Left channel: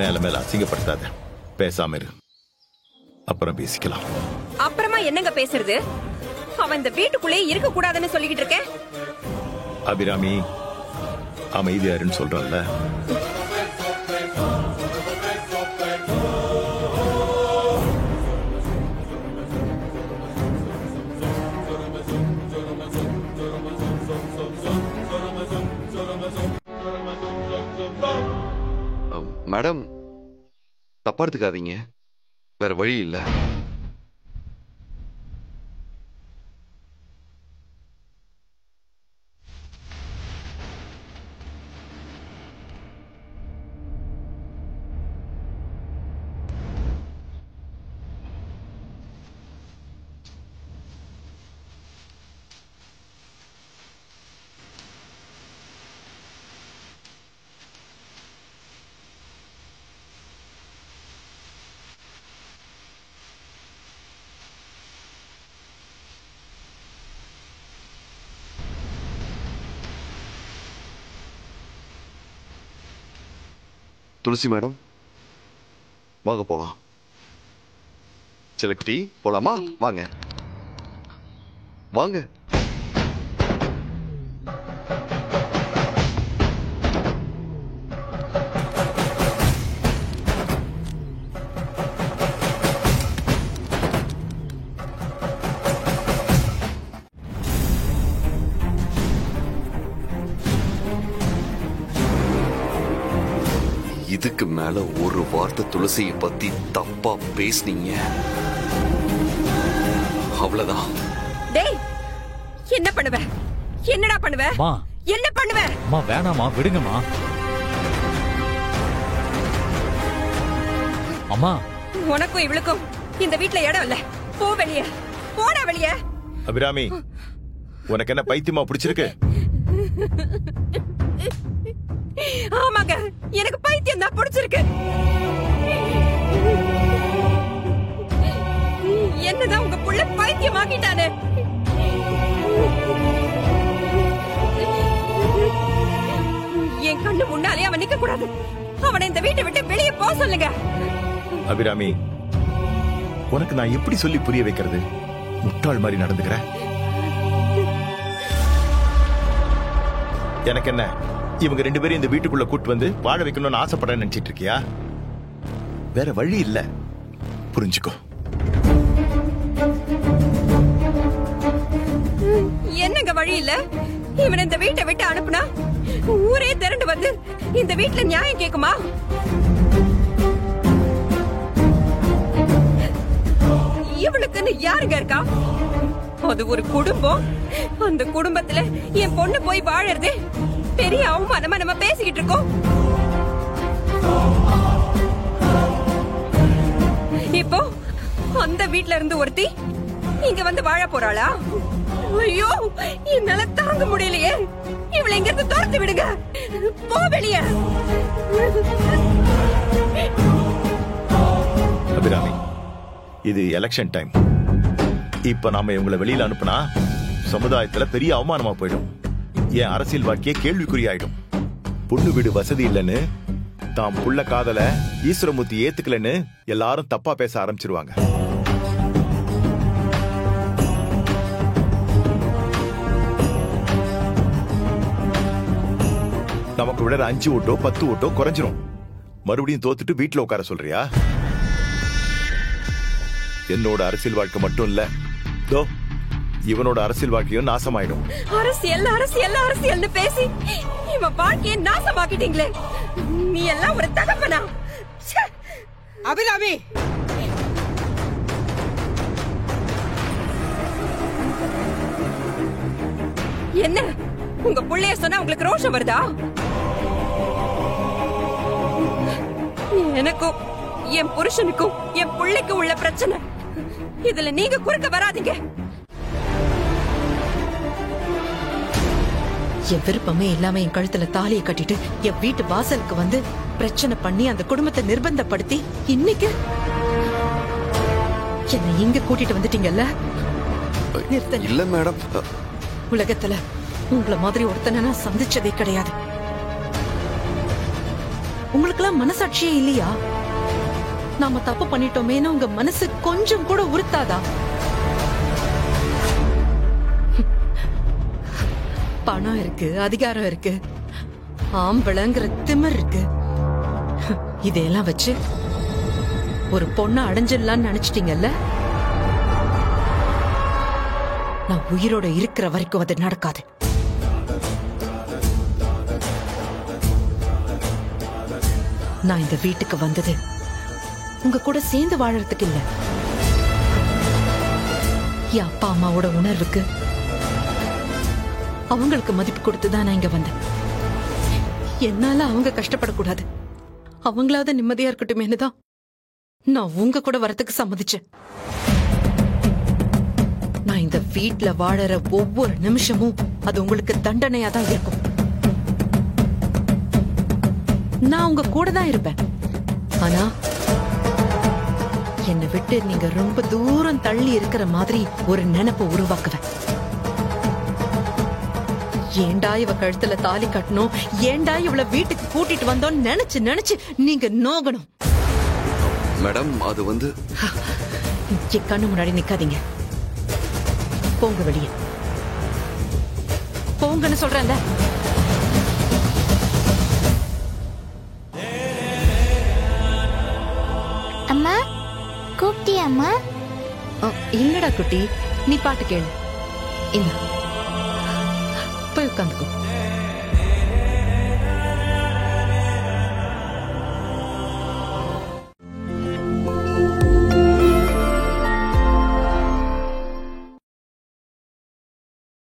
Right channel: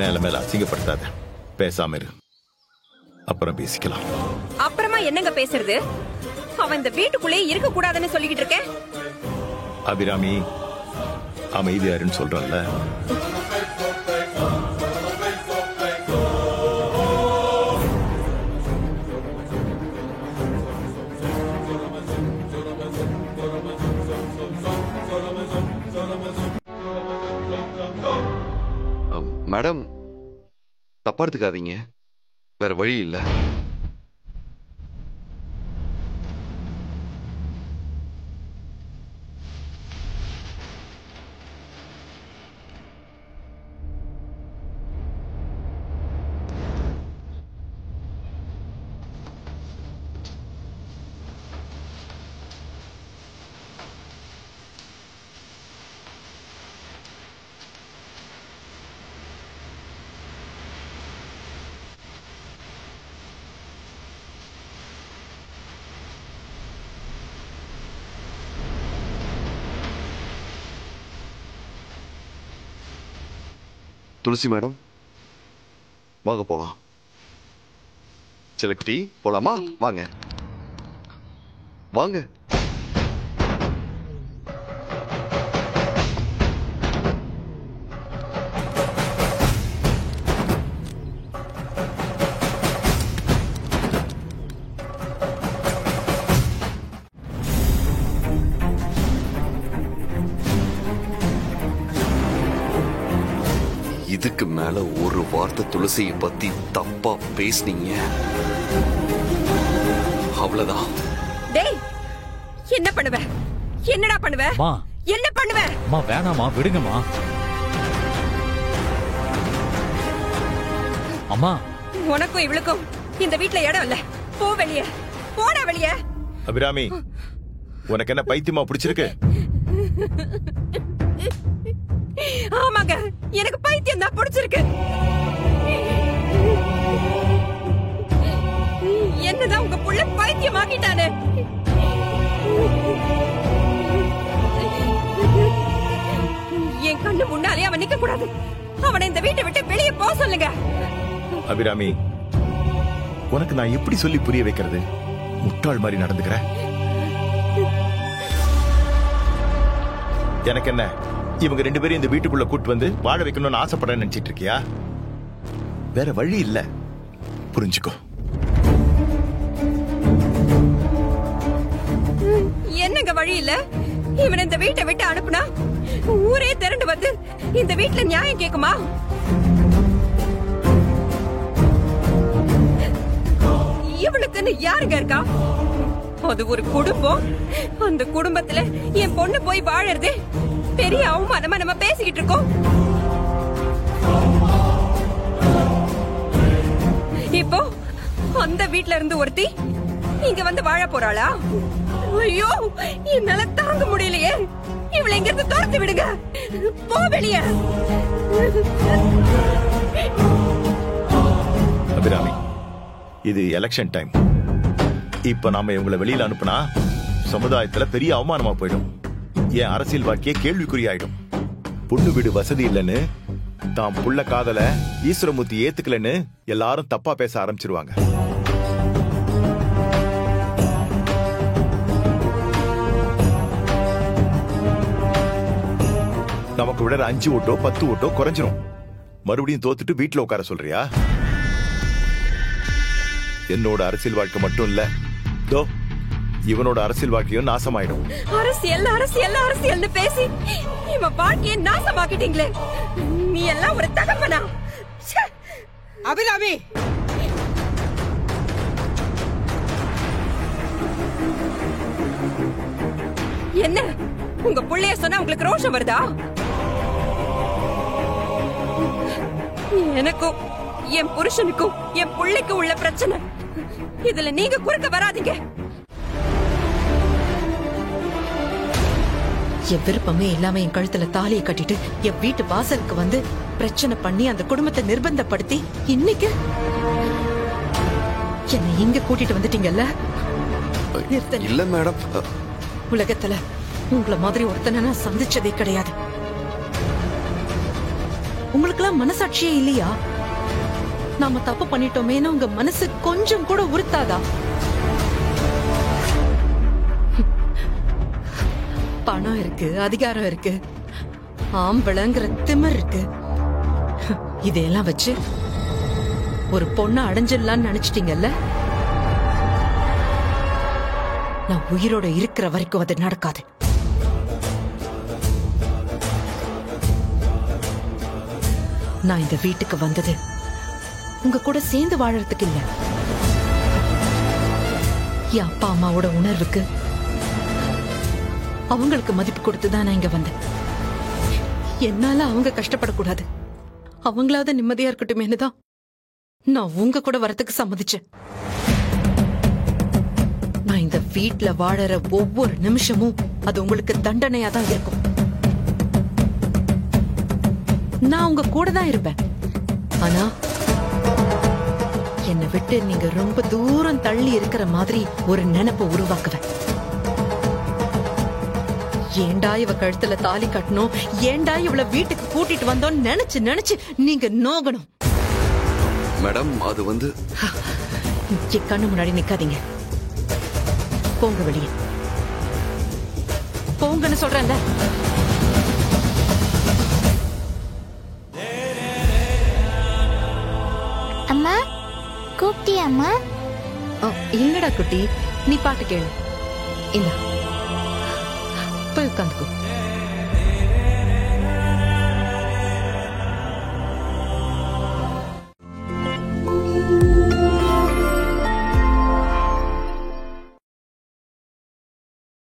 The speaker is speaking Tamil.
மேல மேல அசிங்கப்படுத்தாத, பேசாம இரு, அப்புறம் பேசிக்கலாம். அப்புறமா என்னங்க பேசுறது? அவன் இந்த வீட்டுக்குள்ளே இருக்க கூடாதுன்னு சொல்லிக்கிட்டு இருக்கேன். அபிராமி, அமைதியாருன்னு சொல்றல்ல. மேடம், தப்பா எடுத்துக்காதீங்க, வேற வழி இல்ல. துளசி மேடம், வாங்க போலாம். செலக்டி போலாமா? வாங்க வாங்க. இதுக்கு மேல ஒரு வார்த்தை துளசியை பத்தி தப்பா பேசுனீங்க, அவ்வளவுதான். டேய், என்ன பண்ணுவ? என்னடா பண்ணுவ? என்ன பண்ணுவ? அம்மா வேணாமா, விடுங்கம்மா. அம்மா, உனக்கும் இவளுக்கும் இந்த வீட்ல இடம் இல்ல. போ வெளியே, போடா வெளியே. அபிராமி, உனக்கு என்ன பைத்தியமா பிடிச்சிருக்கு? ஆமாங்க, எனக்கு பைத்தியம் தான் பிடிச்சிருக்கு. என்னதான் உங்க புள்ள பைத்தியமாக்கிட்டானே. என் கண்ணு முன்னாலே அவன் நிக்க கூடாது. அவனை இந்த வீட்டை விட்டு வெளியே போக சொல்லுங்க. அபிராமி, உனக்கு நான் எப்படி சொல்லி புரிய வைக்கிறது? முட்டாள் மாதிரி நடந்துக்கிற. எனக்கு என்ன, இவங்க 2 பேரும் இந்த வீட்டுக்குள்ள கூட்டு வந்து வாழ வைக்கணும்னு ஆசைப்படுறேன்னு நினைச்சிட்டு இருக்கியா? வேற வழி இல்ல, புரிஞ்சுக்கோ. என்னங்க வழி இல்ல? இவன் இந்த வீட்டை விட்டு அனுப்புனா ஊரே திரண்டு வந்து இந்த வீட்டுல நியாயம் கேக்குமா? இவளுக்குன்னு யாருங்க இருக்கா? அது ஒரு குடும்பம். அந்த குடும்பத்துல என் பொண்ணு போய் வாழறது பெரிய அவமானமா நம்ம பேசிக்கிட்டு இருக்கோம். இப்போ அந்த வீட்ல இருந்து ஒருத்தி இங்க வந்து வாழ போறாளா? ஐயோ, என்னால தாங்க முடியலையே. இவளை இங்க இருந்து துரத்து விடுங்க. போ வெளியே. அபிராமி, இது எலெக்ஷன் டைம். இப்ப நாம இவங்களை வெளியில அனுப்புனா சமுதாயத்துல பெரிய அவமானமா போயிடும். என் அரசியல் வாழ்க்கையே கேள்விக்குறியாயிடும். பொண்ணு வீடு வசதி இல்லைன்னு, தாம் புள்ள காதல ஈஸ்வரமூர்த்தி ஏத்துக்கலன்னு எல்லாரும் தப்பா பேச ஆரம்பிச்சிருவாங்க. நமக்கு விட 5 ஓட்டோ 10 ஓட்டோ குறைஞ்சிரும். மறுபடியும் தோத்துட்டு வீட்டுல உட்கார சொல்றியா? என்னோட அரசியல் வாழ்க்கை மட்டும் இல்ல, தோ இவனோட அரசியல் வாழ்க்கையும் நாசமாயிடும். அரசியல் அரசியல் அரசியல்னு பேசி இவன் வாழ்க்கையை நாசமாக்கிட்டீங்களே. நீ எல்லாம் ஒரு தகப்பனா? அபிராமி, என்ன உங்க புள்ளைய சொன்னா உங்களுக்கு ரோஷம் வருதா? எனக்கும் என் புருஷனுக்கும் என் புள்ளைக்கு உள்ள பிரச்சனை. இதுல நீங்க குறுக்க வராதீங்க. என் விருப்பமே இல்லாம என் கழுத்துல தாலியை கட்டிட்டு என் வீட்டு வாசலுக்கு வந்து பிரச்சனை பண்ணி அந்த குடும்பத்தை நிர்பந்தப்படுத்தி இன்னைக்கு என்ன இங்க கூட்டிட்டு வந்துட்டீங்கல்ல? இல்ல மேடம், உலகத்துல உங்களை மாதிரி ஒருத்தனை நான் சந்திச்சதே கிடையாது. உங்களுக்கெல்லாம் மனசாட்சியே இல்லையா? நாம தப்பு பண்ணிட்டோமேன்னு உங்க மனசு கொஞ்சம் கூட உறுத்தாதா? பணம் இருக்கு, அதிகாரம் இருக்கு, ஆம்பளங்கிற திமிர் இருக்கு. இதையெல்லாம் வச்சு ஒரு பொண்ணை அடைஞ்சிடலான்னு நினைச்சிட்டீங்கல்ல? நான் உயிரோட இருக்கிற வரைக்கும் அது நடக்காது. நான் இந்த வீட்டுக்கு வந்தது உங்க கூட சேர்ந்து வாழறதுக்கு இல்ல. என் அப்பா அம்மாவோட உணர்வுக்கு அவங்களுக்கு மதிப்பு கொடுத்துதான் நான் இங்க வந்தேன். என்னால அவங்க கஷ்டப்படக்கூடாது, அவங்களாவது நிம்மதியா இருக்கட்டுமேனுதான் நான் உங்க கூட வரத்துக்கு சம்மதிச்சேன். நான் இந்த வீட்ல வாழற ஒவ்வொரு நிமிஷமும் அது உங்களுக்கு தண்டனையா தான் இருக்கும். நான் உங்க கூட தான் இருப்பேன். ஆனா என்னை விட்டு நீங்க ரொம்ப தூரம் தள்ளி இருக்கிற மாதிரி ஒரு நினைப்பை உருவாக்குவேன். ஏண்டா இவ கழுத்துல தாலி கட்டணும், ஏண்டா இவள வீட்டுக்கு கூட்டிட்டு வந்தோம் நினைச்சு நினைச்சு நீங்க நோகணும். மேடம், அது வந்து என் கண்ணு முன்னாடி நிக்காதீங்க. போங்க வெளியே, போங்கன்னு சொல்றேன்ல. அம்மா கூப்பிட்டியா அம்மா? இல்லடா குட்டி, நீ பாட்டு கேளு. இந்த போய் உட்காந்துக்கோ.